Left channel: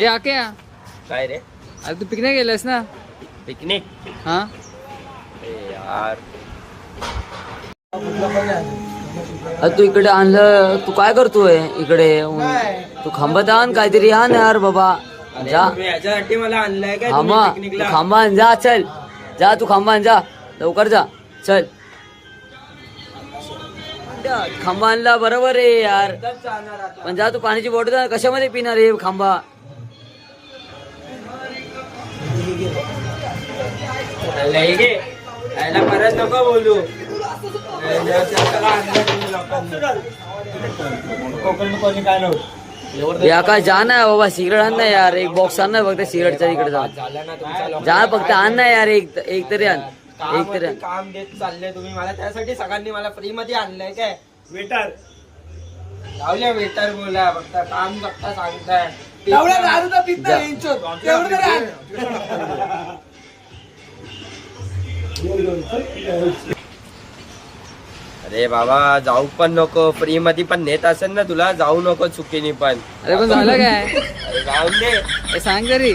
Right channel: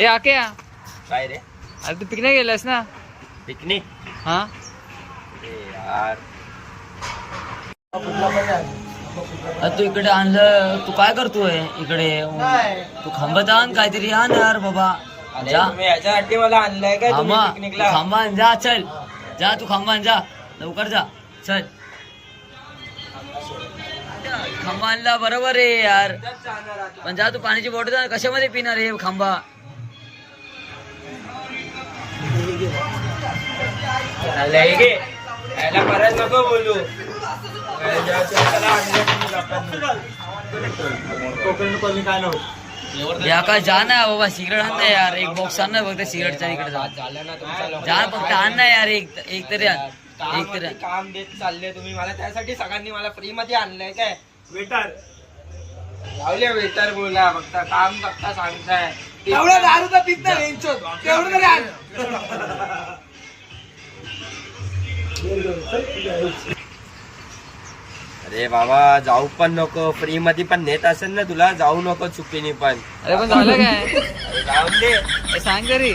ए आके काय रे? अरे तू पिकनिक गेलास ना? पिकनिक? हा यार तू इकडे आणलं, तू काय करतोय इकडे? तू खांबात आण काहीतरी, आण यार बाबा. अरे जा तुम्ही याच्यासाठी मला आणलंय काय तुम्ही खांबा, तू पिकनिकला? खांबा आण, जा चल. जा तू खांबा आण, जा लवकर जा चल. खांबा आणला बरोबर आहे यार, पण जा तू पाण्याची बॉटल कशामध्ये पिणार आहे खांबा? लय घे. यायला परत नको बोलू. या काय जा ना बाबा, सिगरेट आण ना यार, एक बॉक्स आण ना फक्त सिगरेटच्या इकडे जा. झालं ना तुमचा जा फक्त आण ना यार, एक तरी आण, एक तरी आण. काम देत चालले तुम्ही मला, त्यासाठी सगळ्यांनी मला फ्री मध्ये आणलंय काय? वेटर लावले, वेटर बोला फक्त काम फक्त सांगताय. एवढा दारू तर पित नाही तेवढं तरी आण. अरे बाबा जाऊ पण नको, फ्री मध्ये पण नेत असेल ना तुला, जाऊ नको चुकीने पण. अरे पण झालं काय? अरे जाऊन दे. ए, सांग तरी.